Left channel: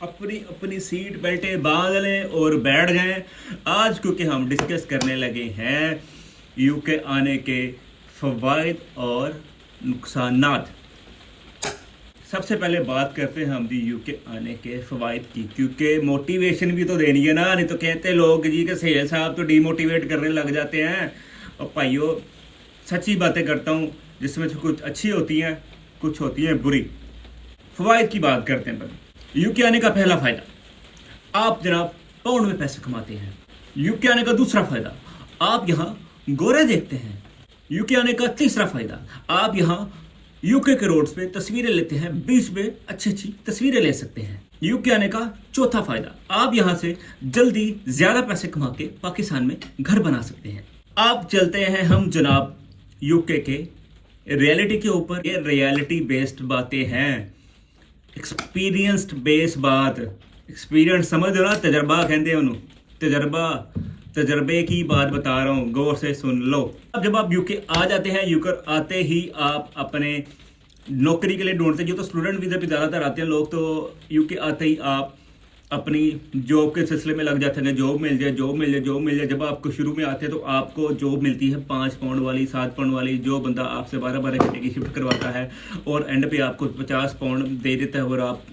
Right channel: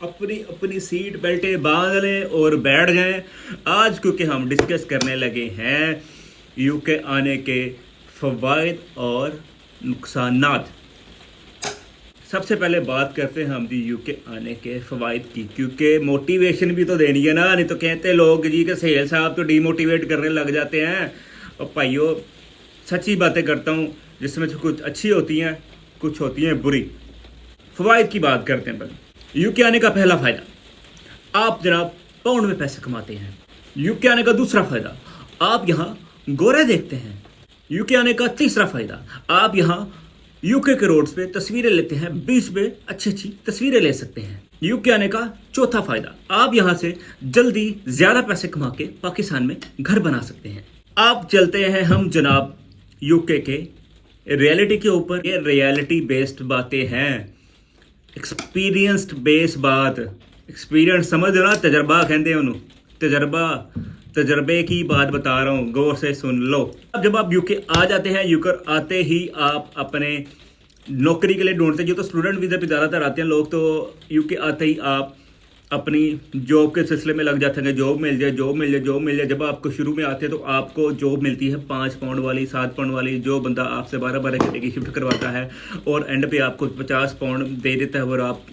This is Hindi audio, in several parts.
अपनी अपनी सीट बेल्टें बांध लें और बैठ जाएं। आज क्योंकि हम डिस्कस करने लगे हैं यूके आने के फवायद और नुकसानात। सबसे पहले बात करते हैं हम दी यूके आने के फवायद की, क्योंकि मोटिवेशन भी तो देनी है ना। नहीं तो कहते लोग जी के सहेल साहब तो डीमोटिवेट करने लग जाते हैं। और भाइयों सच्ची बातें करता हूँ, जिसमें से कुछ अच्छी होती हैं, कुछ होती हैं बुरी। फवायद की बात करते हैं पहले। यूके आने का पहला फायदा, आप जनाब पाउंड में पैसे कमाते हैं। यूके आने का दूसरा फायदा, आप यहाँ गोरे देखते हैं। यूके आने का तीसरा फायदा, आप यहाँ यूके के रोड्स पे तस्वीरें लेते हैं, बीच में अच्छी अच्छी तस्वीरें ले सकते हैं। यूके आने का चौथा फायदा, आप यहाँ से जल्दी ज्यादा पैसे कमा के पाकिस्तान में घर बना सकते हैं। आप चलते हैं हम जनाब यूके के रियलिटी के ऊपर। ये रियलिटी बेस्ड बातें हैं, एक्सपीरियंस्ड बेस बात। एक्सपीरियंस समझ ना, तजर्बा कहते हैं उन्होंने। तजर्बे की बात बता रहा हूँ, गौर से सुन लो। अब जब आप यूके आ जाते हैं, यूके आते ही आप अपने नौकरी के लिए ढूंढते हैं। जो तो स्टूडेंट वीजा पे ज़्यादातर आते हैं लोग, तो यूके आते ही आप अपनी जॉब के सिलसिले में लग जाते हैं। जॉब मिल जाए, जॉब मिल जाए, जॉब मिल जाए। जब आपको शुरू में आते हैं तो आपको जॉब मिलती है 5 पाउंड वाली, 7 पाउंड वाली। जो बंदा आपसे 12-12 घंटे की शिफ्ट करवाता है और एंड पे आपको 50 पाउंड दे देता है, और आप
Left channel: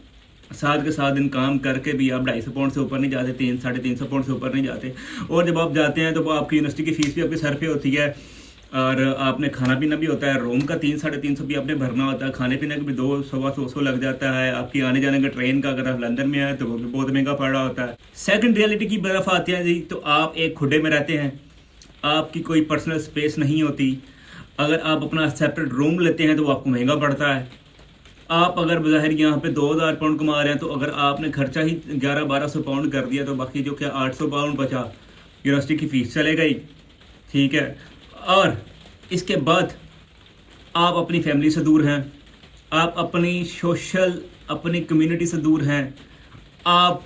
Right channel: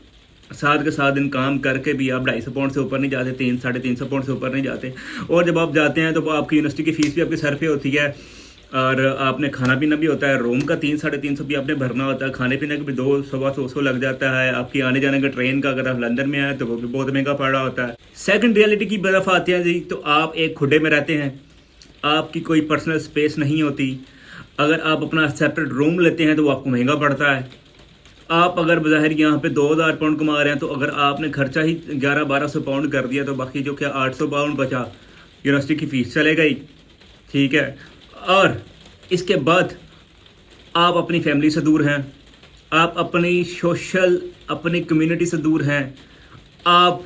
7 के 7 दिन काम करके भी आप 250 पाउंड से ऊपर नहीं जाते, 300-350 पाउंड से ऊपर नहीं जाते। और जब आप जाते हैं तो आपकी यूनिवर्सिटी की फीस भी आपके सर पे होती है, और आपने खाना पीना भी होता है। रूम का 300-350 भी आपने भरना होता है। खाने पीने का भी 200-100 लग जाता है। आपकी आने जाने का ट्रेन का, अगर आप लंदन में आए तो वो भी बहुत महंगा पड़ रहा होता है। सेकंड रियलिटी की तरफ आते हैं जी, तो आप एक खुडे में रहते हैं, आपकी कोई पर्सनल स्पेस नहीं होती। अगर आप अपना सेपरेट रूम लेते हैं तो आपको महंगा पड़ता है। आप अगर बाहर यहाँ पे 2000 पाउंड कमा रहे हैं, तो अगर आपने खर्चा ही 1100-1200 पाउंड कर दिया, तो बाकी जो क्या 800 पाउंड बचा, यूनिवर्सिटी की फीस चले गई। ठीक है। और इसके बाद आप अपनी फैमिली से दूर हैं, आप अपनी सोशल, अपनी कम्युनिटी से दूर हैं, आप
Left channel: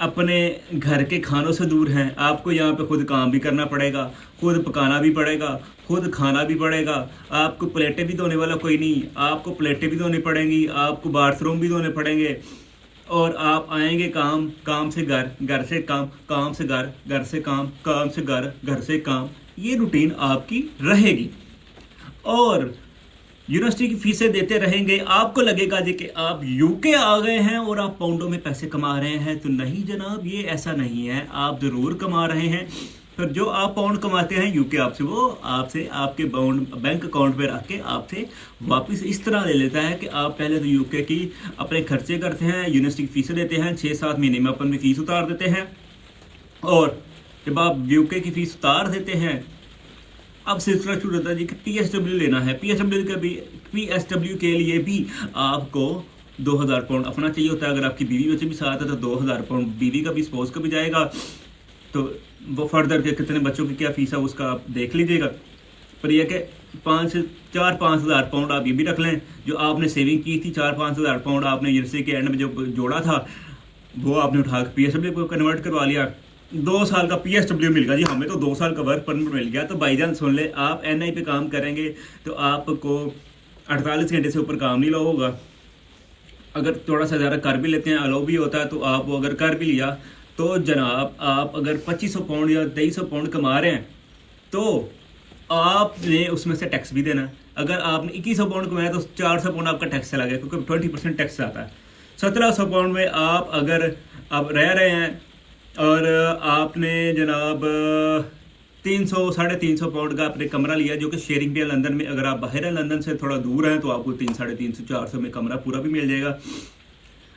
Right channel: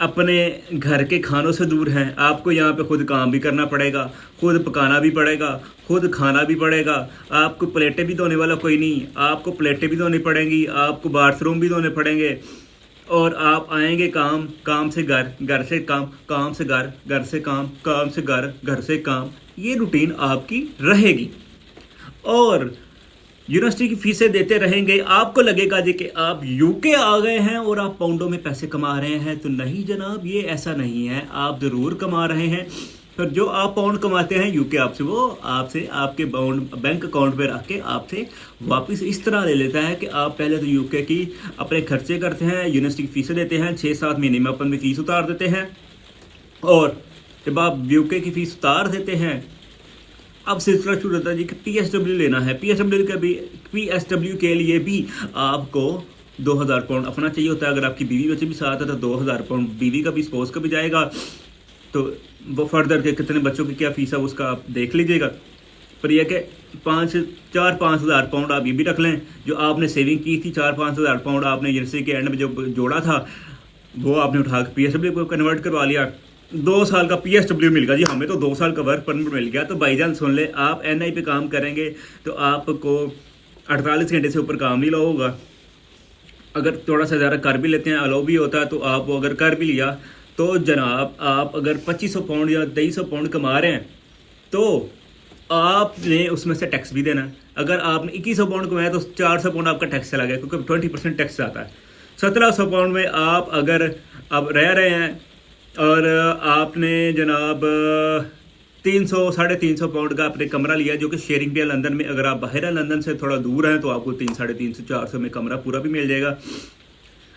अपने घर के खानों से दूर हैं। आपको यहाँ पे खुद काम भी करना पड़ेगा, खुद पकाना भी पड़ेगा, खुद खाना भी पड़ेगा। आपको प्लेटें भी धोने वाला कोई नहीं, आपको प्लेटें भी धोनी पड़ेंगी, आपको बाथरूम भी धोने पड़ेंगे। और आप आएंगे काम, काम से घर, घर से काम, काम से घर, घर से काम, काम से घर, घर से काम। ये रूटीन आपकी रहेगी और यूनिवर्सिटी की फीसें देते रहेंगे। आपको लगेगा जी कि आप यूके आ गए हैं और आप पाउंडों में पैसे कमा रहे हैं, तो नहीं जनाब, ये ऐसा नहीं है। आप जरूर कमा रहे हैं, पर जो आप पाउंड कमाते हैं यूके आपसे, वो आपसे आपके बैंक अकाउंट पे रख के आपसे वापस इस तरह ले लेता है कि आप पहले तो यूके की अपने खर्चे करते हैं, यूनिवर्सिटी की फीसें देते हैं, 6-7 महीने में अपन भी फीस उतार देते हैं। और जब आप यूके की फीस उतार देते हैं, अब सिलसिला शुरू होता है जी कि पीएसडब्ल्यू लेना है। पीएसडब्ल्यू के लिए भी आपको 2000 पाउंड अपना चाहिए होता है। अगर आपकी बीवी बच्चे भी साथ है तो 2000 पाउंड बीवी का भी, स्पोज का भी जाएगा। तो वो फर्दर के कितने बच्चों की क्या फीस है उसका आप देख लीजिएगा। पर यह कि 4-5 हज़ार पाउंड आप ये भी रख लें, जो आपने सेविंग की थी 4-5 हज़ार पाउंड आपने यूनिवर्सिटी के एंड में जो जोड़ा था, वो आपने उठा के पीएसडब्ल्यू को कन्वर्ट करवा लिया। 2 साल का पीएसडब्ल्यू मिल गया जी हमें, तो 2 साल का वर्क परमिट मिल गया। तो भाईजान सुन ले, आप एनआई पे काम करेंगे तो आपको 48 घंटे से ऊपर काम नहीं ला होगा। अगर थोड़ा सा ज़्यादा कर भी लेते हैं, अलाउ भी होता है, तो आप वो अगर कर भी लिया तो जनाब, आप अगर 2500 पाउंड या 2300 पाउंड कमा रहे हैं, तो आपने उसमें से टैक्स भी देना है। अगर आपने 2100 पाउंड कमाया तो 400 पाउंड आपका टैक्स चला गया, क्योंकि 20% टैक्स आता है। 1700 पाउंड में आप अगर अब रह रहे हैं और आपने जनाब 300-350 पाउंड का आपने कमरा लिया, जो कि शेयरिंग पे है लंदन में। अगर आप बाहर है, लंदन से थोड़ा दूर हैं, तो आपको 300-350-400 में कमरा पूरा भी मिल जाएगा।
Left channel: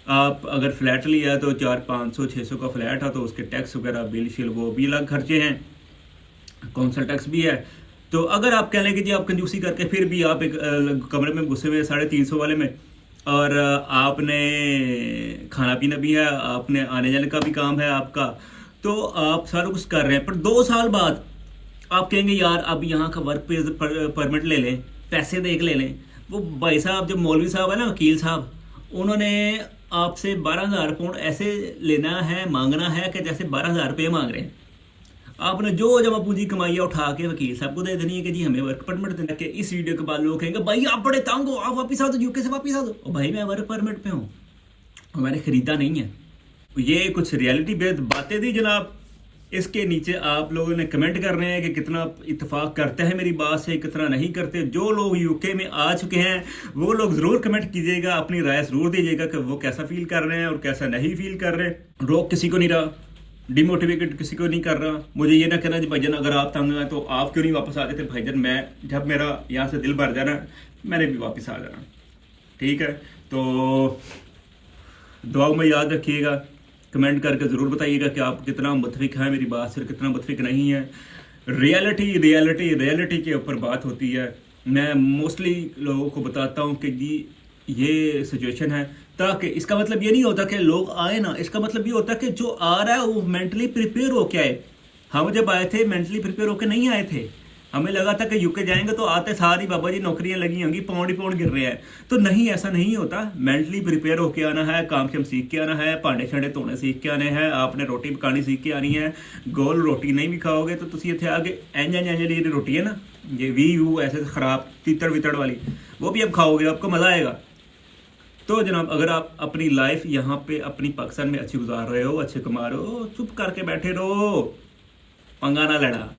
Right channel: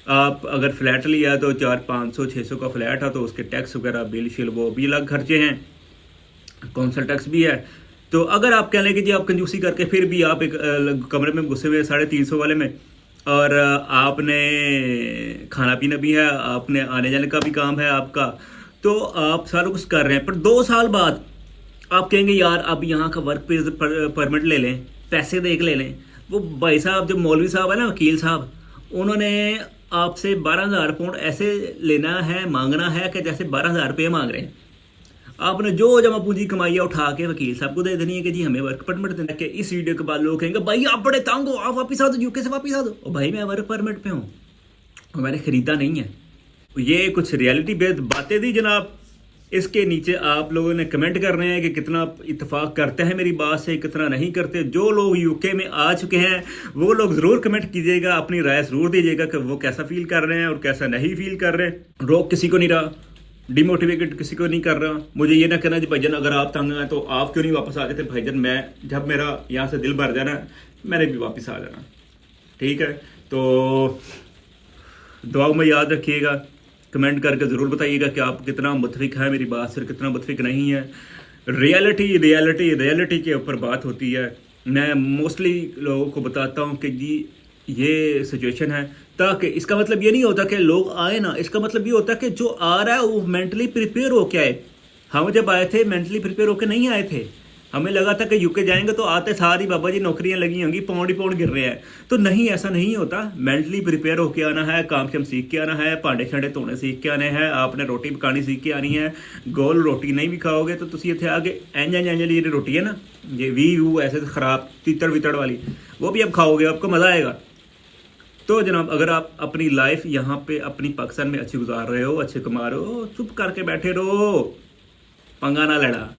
आप अगर फ्लैट लिया तो 400-500-600 का फ्लैट है, तो उसके टैक्स वगैरह, बिल शिल, वो भी अलग खर्चे हैं, कौंसल टैक्स भी है। तो अगर आप कह लें कि जी आप कंजूसी करके फिर भी आप एक कमरे में घुसे हुए 350 वाले में, और आपने खाना पीना भी है, आपने आने जाने का भी काम है आपका, तो आप सारा कुछ कर रहे हैं। पर 2 साल बाद आप कहेंगे यार अब यहाँ का वर्क परमिट ले लें, पैसे देख ले लें। वो भाई साहब, जो मौलवी साहब है ना, वकील साहब, उन्होंने आपसे 12,000 पाउंड ऐसे लेना है, मांगना है कि जैसे 12,000 रुपये मांग रहे हैं। आपने जो जमा पूंजी कमाई है उठा के वकील साहब को दे देनी है कि जी हमें वर्क परमिट देना है। इस वीडियो के बाद लोग कहेंगे भाई आप बड़े तंग हो, आप वापिस आ दो, यूके से वापिस आ दो। और भाई मैं वर्क परमिट पे हूँ, और मैंने ख़रीदा नहीं है। ये कुछ रियलिटी बेस्ड बातें थी जनाब। इसके नीचे आप लोगों ने कमेंट कर रहे हैं कि कितना इत्तेफाक करते हैं मेरी बात से, कितना नहीं करते। जो लोग यूके में आ चुके हैं वो लोग ज़रूर कमेंट कीजिएगा, अपनी राय ज़रूर दीजिएगा कि वो कैसा फील कर रहे हैं और कैसा नहीं फील कर रहे। रोक किसी को नहीं रहा, डिमोटिवेटेड किसी को नहीं कर रहा। मुझे ये ना कहना जी भाईजान अगर आप तंग हैं तो आप क्यों नहीं वापस आ जाते। भाईजान मैं जब मेरा यहाँ से दिल भर जाना मैंने भी वापस आ जाना, ठीक है। तो दुआओं में याद रखिएगा, कमेंट करके ज़रूर बताइएगा कि आप कितना मुतफिक हैं मेरी बात से, कितना मुतफिक नहीं है। रियलिटी के ऊपर बात होती है। मैं मोस्टली लोगों को बताता हूँ कि जी ये सिचुएशन है, ताकि इसका मतलब ये नहीं होता कि लोग आए ना, इसका मतलब ये होता है कि जो आ रहा है वो मेंटली प्रिपेयर होके आए। हम जब आए थे मेंटली प्रिपेयर होके नहीं आए थे। हमें लगा था कि यूके जाएंगे तो आते सारी बाबा जी नौकरियां लगी होंगी, पाउंड ही पाउंड गिर रहे हैं। तो नहीं, ऐसा नहीं होता। मेंटली प्रिपेयर होके आना है, काम शम सीख के आना है, भांडे छांडे धोने सीख के आने हैं, आपने रोटी पकानी सीख के आनी है। गोल रोटी नहीं भी खाओगे तो तुम इतने आगे एंज जी रोटी है ना, ये वी यू ऐसे खराब तीतड़ वितड़ वाली, वो भी अब खाओगे, आपको मजा आएगा। तो जनाब अगर आप अपनी लाइफ यहाँ पे अपनी पाकिस्तान में अच्छी गुजार रहे हो, अच्छे कमा रहे हो, चुप करके बैठे रहो, पंगा ना लड़ा।